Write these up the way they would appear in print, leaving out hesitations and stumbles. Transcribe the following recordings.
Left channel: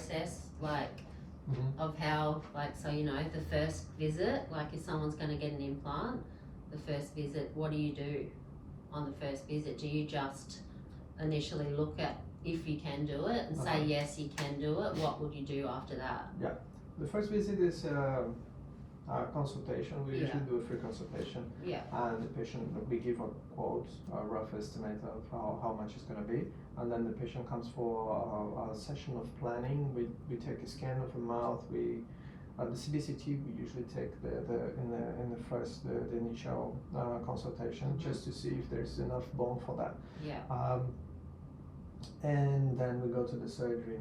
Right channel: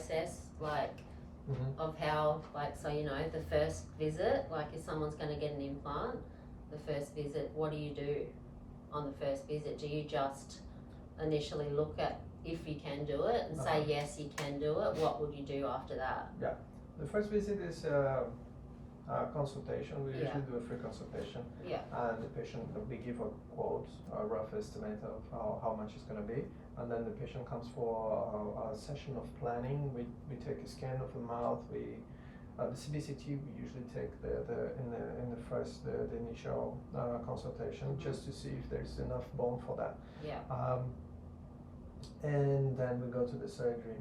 process, like, of how, like, so, you know, the first visit, like if someone's going to get an implant, the first visit, what do you do on the first visit? Do you just initially look at if you can do it and say, yes, you can do it? What would you do after that? Yeah, the first visit is consultation. We usually do a free consultation. Yeah. And the patient, we give a quote, a rough estimate of how much it's going to be. And then the patient comes for a session of planning. We take a scan of the mouth. The CBCT we usually take in the first the initial consultation, just to see if there's enough bone for that. Yeah. And then we go to the surgery.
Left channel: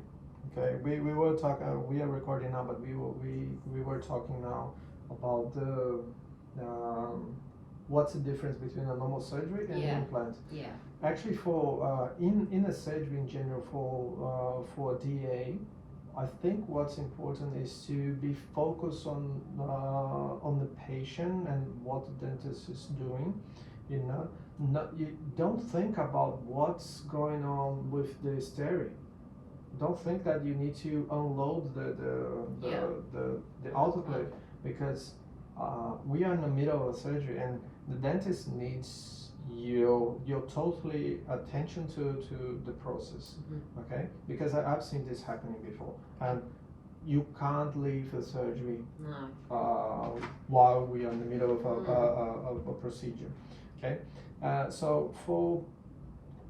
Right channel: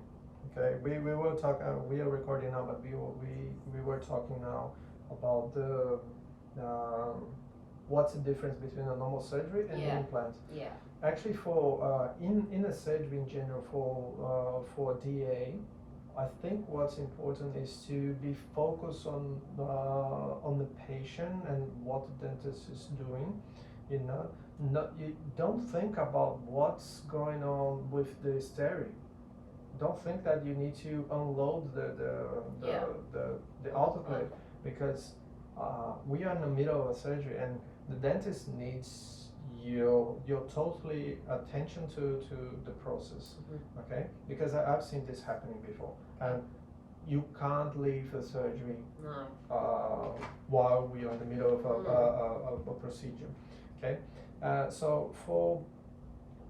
Okay, we will talk. We are recording now, but we were talking now about the what's the difference between a normal surgery and an implant. Yeah. Actually, for in a surgery in general, for DA, I think what's important is to be focused on the patient and what the dentist is doing. You don't think about what's going on with the stereo. Don't think that you need to unload the autoclave, because we are in the middle of a surgery and the dentist needs your totally attention to the process. Okay, because I've seen this happening before, and you can't leave the surgery while we are in the middle of a procedure. Okay, so for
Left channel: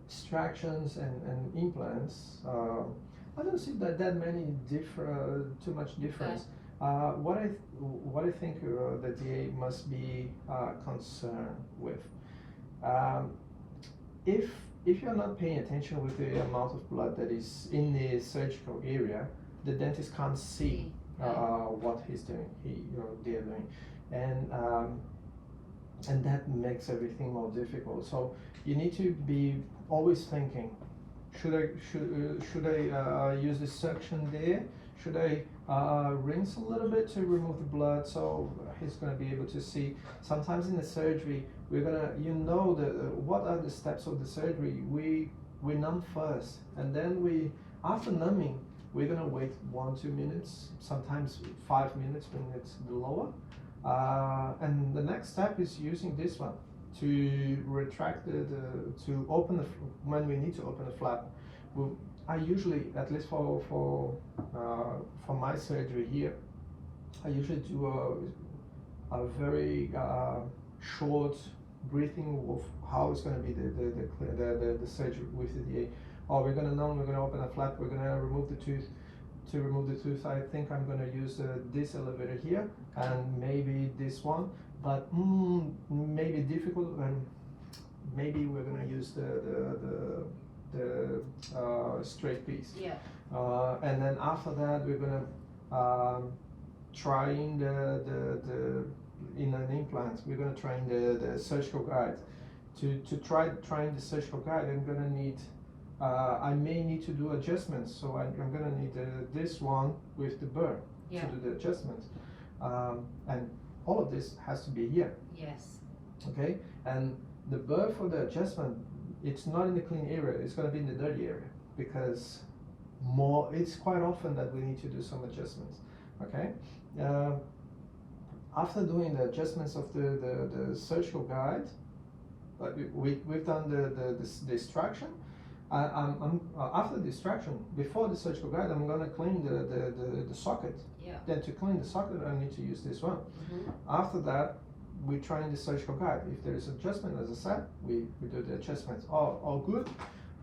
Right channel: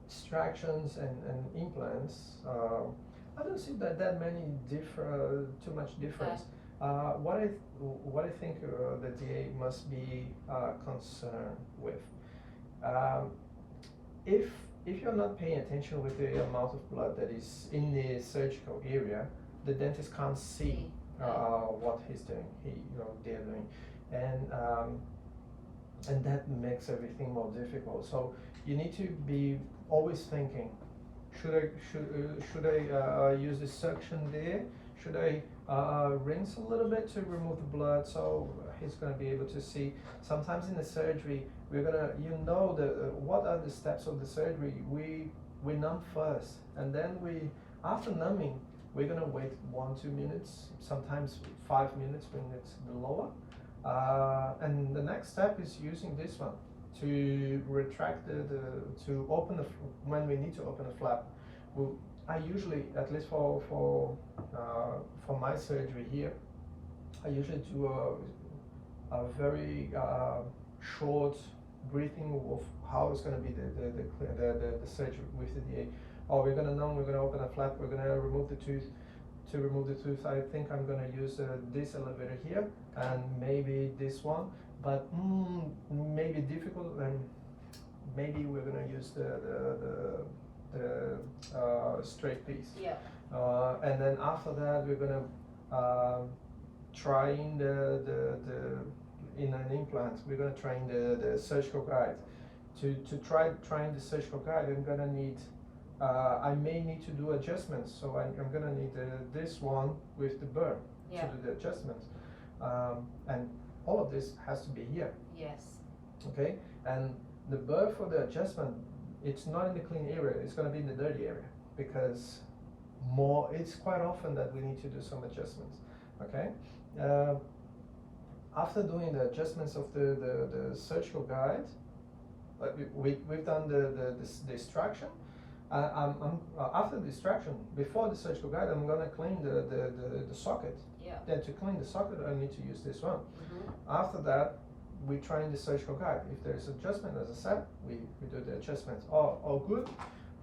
extractions and implants, I don't see that many too much difference. Okay. What I think the DA must be concerned with, if you're not paying attention with the amount of blood that is in the surgical area, the dentist can't see what he's doing, they're doing, and that makes everything more difficult. So you need to be always thinking, should I use this suction there? Should I rinse a little bit to remove the blood so he's going to be able to see? Sometimes in the surgery, we're gonna, what are the steps of the surgery? We numb first, and then after numbing, we're gonna wait 1-2 minutes, sometimes 5 minutes when it's the lower. And the next step is using this one to retract to open when we need to open a flap. I usually, at least for my surgery here, I usually do a very short breathing of how it's going to be the surgery with the DA. Oh, we're going to numb, we're going to open a flap, we're going to remove the tooth. To remove the tooth, I think I'm going to use this elevator here and maybe this one, but maybe difficult, and maybe we're going to use the straight piece. Yeah. And then after that, we're going to try in in an implant. We're going to try in the surgical guide. To trying the surgical guide, I'm going to need. I may need to do adjustments, so I'm going to need this one with the burr to do the adjustments, and all of this has to be here. Yes. Okay, and the burr for the adjustment, it's not in the clean area, it's going to be in the dirty area, because it's quite often that we need to do some adjustments. Okay, after doing the adjustments of the surgical guide, like we've done the extraction. After the extraction, before the surgical guide, I'm going to clean the socket. Yeah. Then to clean the socket, I need to use this one. After that, we try in the surgical guide. If there is adjustment, as I said, we do the adjustments. All good,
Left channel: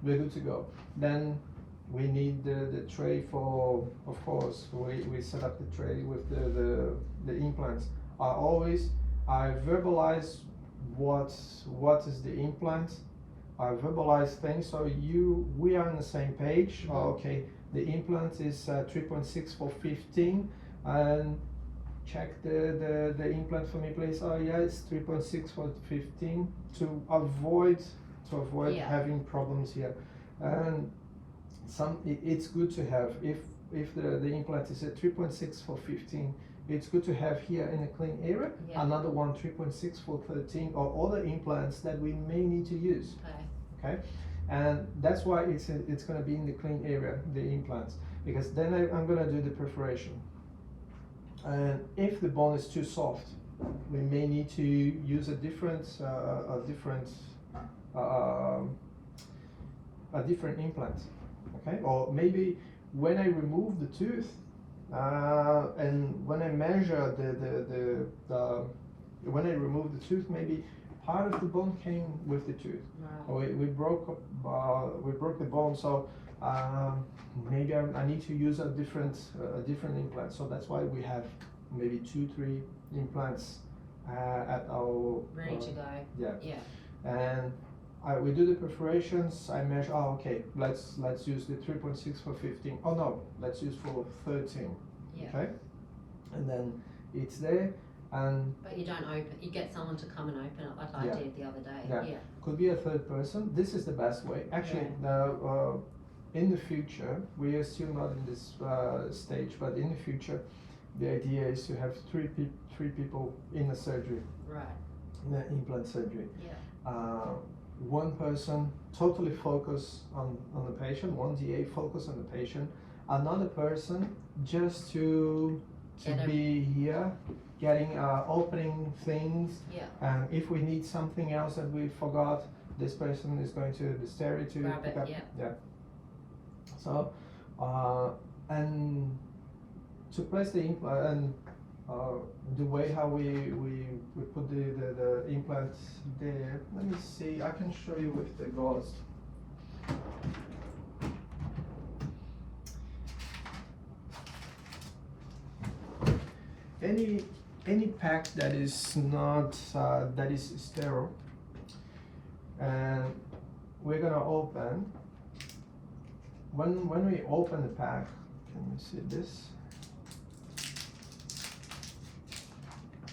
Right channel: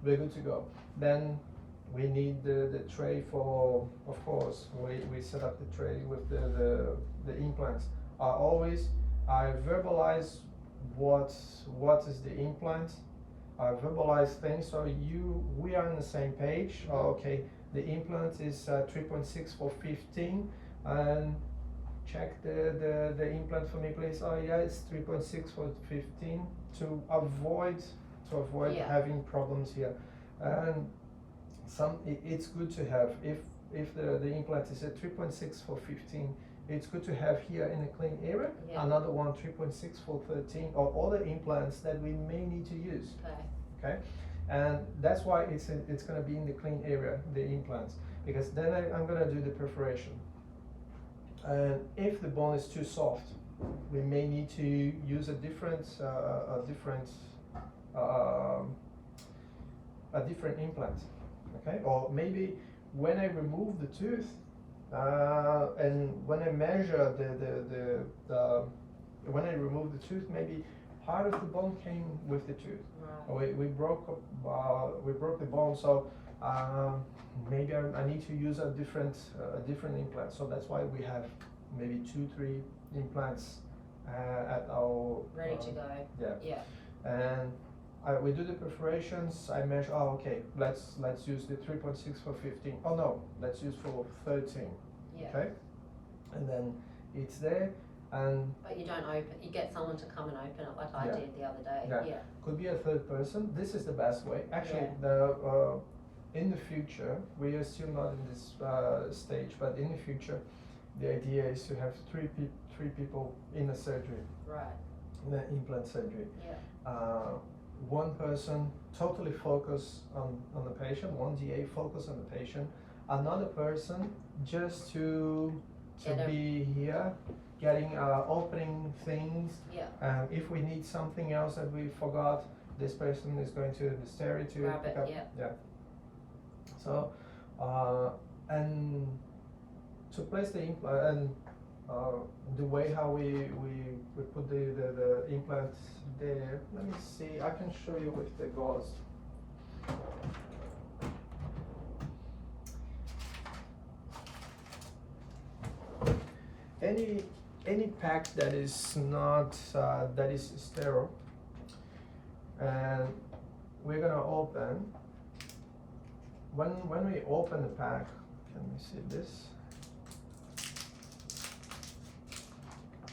we're good to go. Then we need the tray for, of course, we set up the tray with the implants. I verbalize what is the implant. I verbalize things so we are on the same page. Okay, the implant is 3.6 for 15, and check the implant for me, please. Oh yeah, it's 3.6 for 15 to avoid having problems here. And it's good to have, if the implant is at 3.6 for 15, it's good to have here in a clean area another one 3.6 for 13, or other implants that we may need to use. Okay, and that's why it's going to be in the clean area, the implants. because then I'm gonna do the perforation. And if the bone is too soft, we may need to use a different implant, okay? Or maybe when I remove the tooth, and when I measure when I remove the tooth, maybe part of the bone came with the tooth. Right. We broke the bone, so maybe I need to use a different implant. So that's why we have maybe 2-3 implants at our Ready to go. yeah. Yeah. And we do the perforations. I measure. Oh, okay. Let's use the 3.6 for 15. Oh no, let's use for 13. Yeah. Okay. And then it's there, and But you don't open. You get someone to come and open it like I Yeah. did the other day. Yeah. Yeah. could be a third person. This is the best way. Actually, in the future, we are still not in this stage, but in the future, the idea is to have three people in the surgery, Right. in the implant surgery. Yeah. One person totally focus on the patient, one DA focus on the patient, another person just to be here, getting opening things. Yeah. And if we need something else that we forgot, this person is going to the stereo to Grab pick it, up. yeah. So and to place the implant and the way how we put the implants there. Let me see. I can show you with the gauze. Any pack that is not that is sterile, and we're gonna open. When we open the pack, let me see this.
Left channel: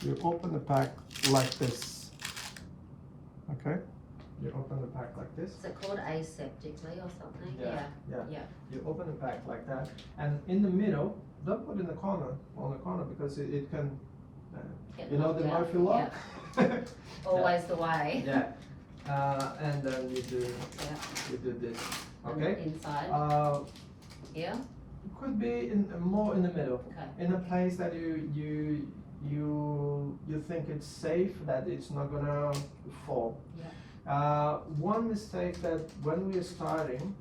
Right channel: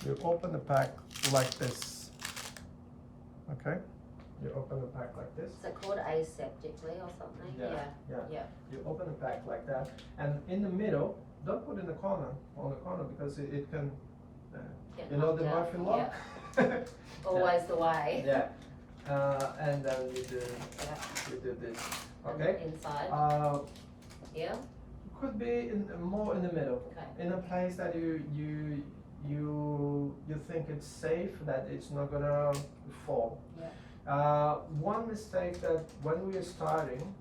You open the pack like this, okay? You open the pack like this. Is it called aseptically or something? Yeah. Yeah. You open the pack like that, and in the middle, don't put in the corner, because it can, Get you know the knocked out. Murphy lock? Always the way. Yeah. And then you do this, And okay? inside. Yeah. Could be more in the middle, Okay. in a place that you think it's safe, that it's not gonna fall. Yeah. One mistake that when we are starting,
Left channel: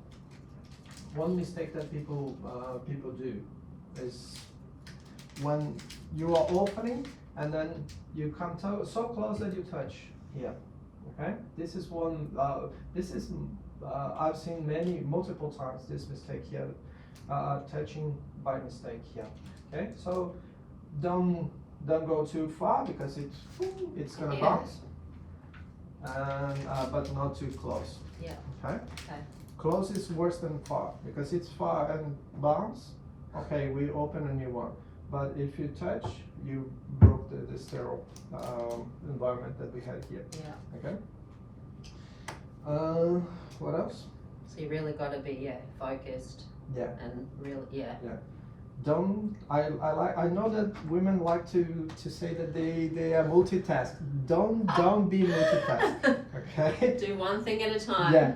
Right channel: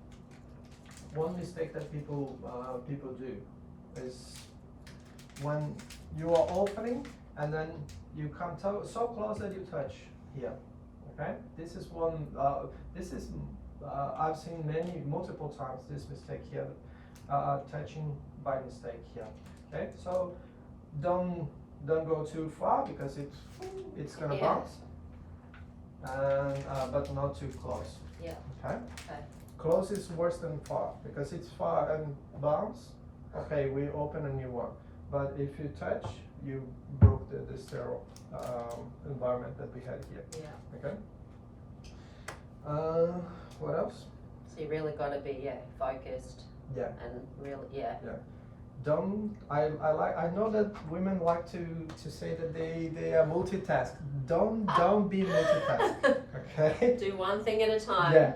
that people do is when you are opening and then you come so close that you touch here. Okay, this is one. I've seen multiple times this mistake here, touching by mistake here. Okay, so don't go too far because it's gonna bounce, and but not too close. Yeah. Okay. Okay. Close is worse than far because it's far and bounce. Okay, we open a new one. But if you touch, you broke the sterile environment that we had here. Yeah. Okay. What else? So you really got to be focused. Yeah. And really Don't I know that women like to say that they are multitask. Don't be multitask. Okay. Do one thing at a time. Yeah.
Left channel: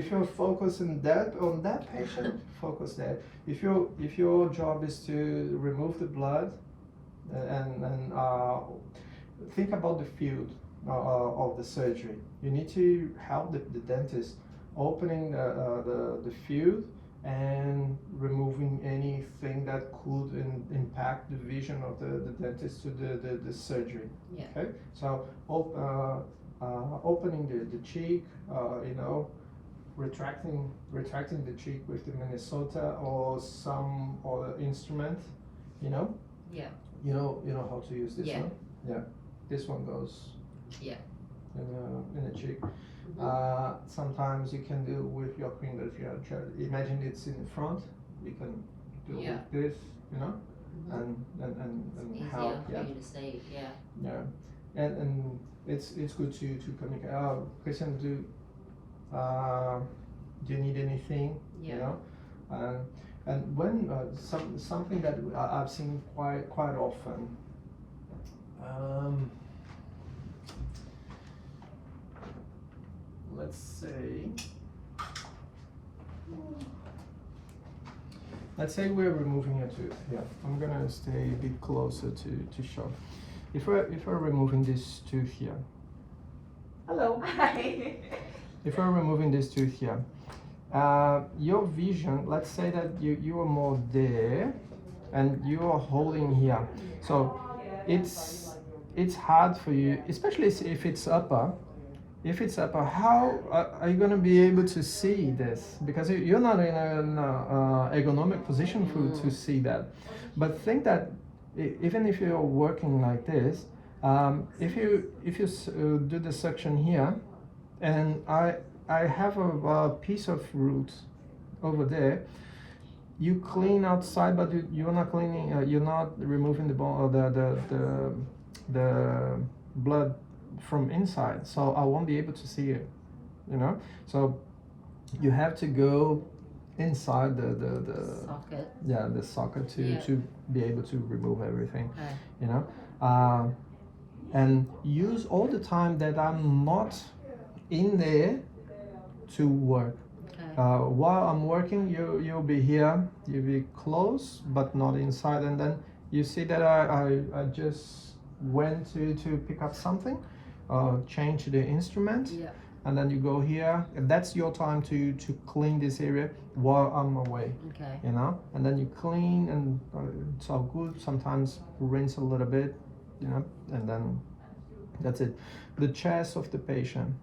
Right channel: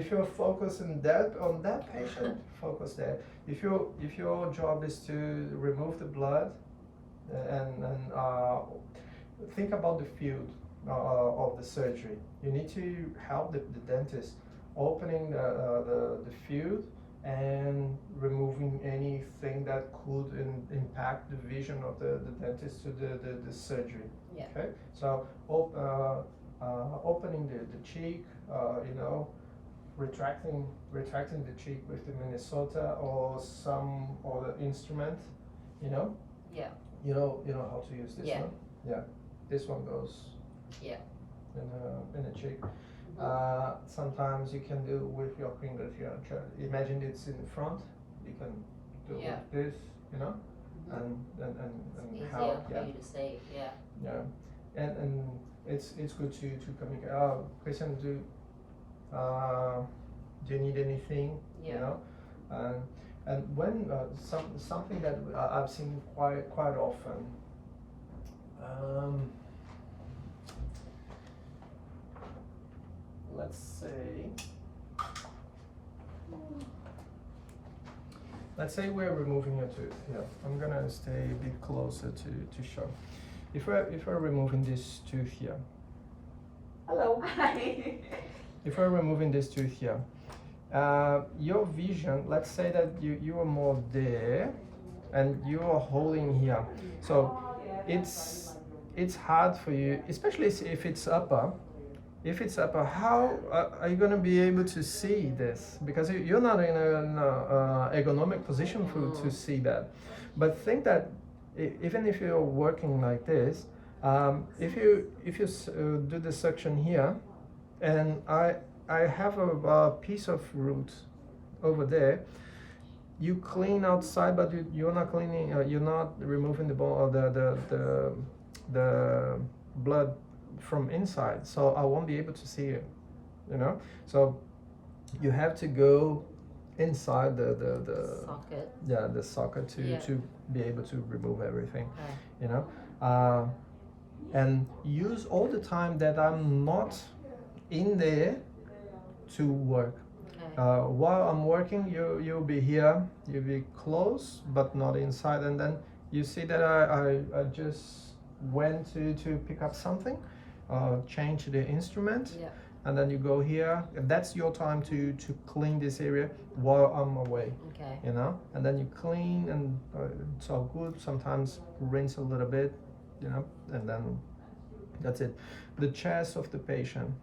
If you're focused on that patient, focus there. If your job is to remove the blood and think about the field of the surgery, you need to help the dentist opening the field and removing anything that could impact the vision of the dentist to the surgery. Yeah. Okay, so opening the cheek, retracting the cheek with the Minnesota or some other instrument, Yeah. You know how to use this one. Yeah, this one goes. Yeah. In the cheek. Mm-hmm. Sometimes you can do with your finger. If you imagine it's in the front, you can do with this, Mm-hmm. and Easier help. for you to see. Yeah. Yeah, and it's good to communicate. Christian, do you need anything? Yeah. And when something that I've seen quite often. Let's say Let's say we're removing a tooth here. I'm gonna stay a bit closer to show. If we're removing this tooth here. Hello. If we're removing this tooth here, your vision, let's say that you are more there and you are holding here. So it's hard for you, especially if it's upper. If it's upper, how are you going to be able to see this? Because you're not in an ergonomic position to see that. But think that even if you're working like this, if you do the suction here, and I have a piece of root over there, you clean outside, but you're not cleaning. You're not removing the bone or the blood from inside, so I won't be able to see it, you know. So you have to go inside the socket. Yeah, the socket to be able to remove everything, Okay. you know. And use all the time that I'm not in there to work. Okay. While I'm working, you'll be here, you'll be close but not inside, and then you see that I just went to pick up something, change the instrument, Yeah. and then you go here, and that's your time to clean this area while I'm away. Okay. You know, and then you clean, and it's all good. Sometimes rinse a little bit, you know, and then that's it. The chest of the patient,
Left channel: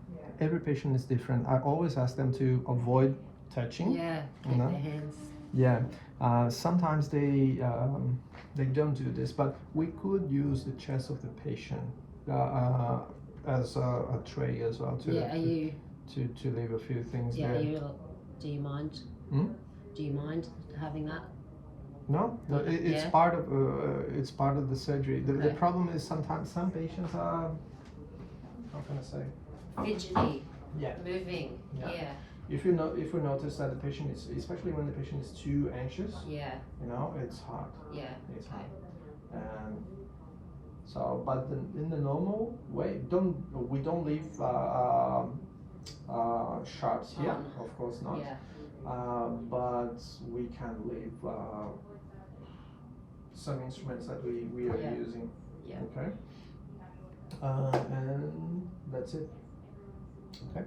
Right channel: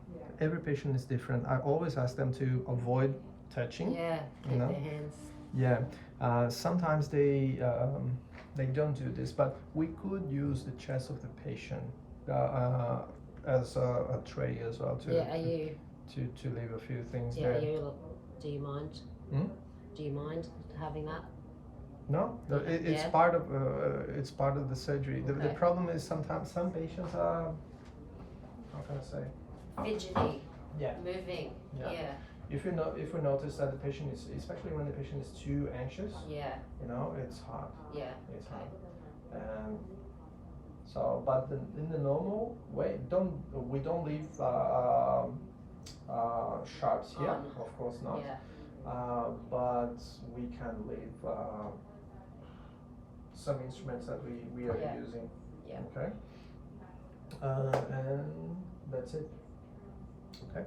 every patient is different. I always ask them to avoid touching. Yeah. You Keep know? their hands. Yeah. Sometimes they don't do this, but we could use the chest of the patient as a tray as well to leave a few things there. Do you mind? Hmm? Do you mind having that? No, it's Yeah. part of the surgery. The Okay. problem is sometimes some patients are, how can I say? Fidgety. Yeah. Moving. Yeah. Yeah. If we notice that the patient is, especially when the patient is too anxious, Yeah. you know, it's hard. Yeah. It's Okay. hard. So, but in the normal way, we don't leave sharps here, Oh, no. of course not. Yeah. But we can leave some instruments that we are Yeah. using. Yeah. Okay. And that's it. Okay.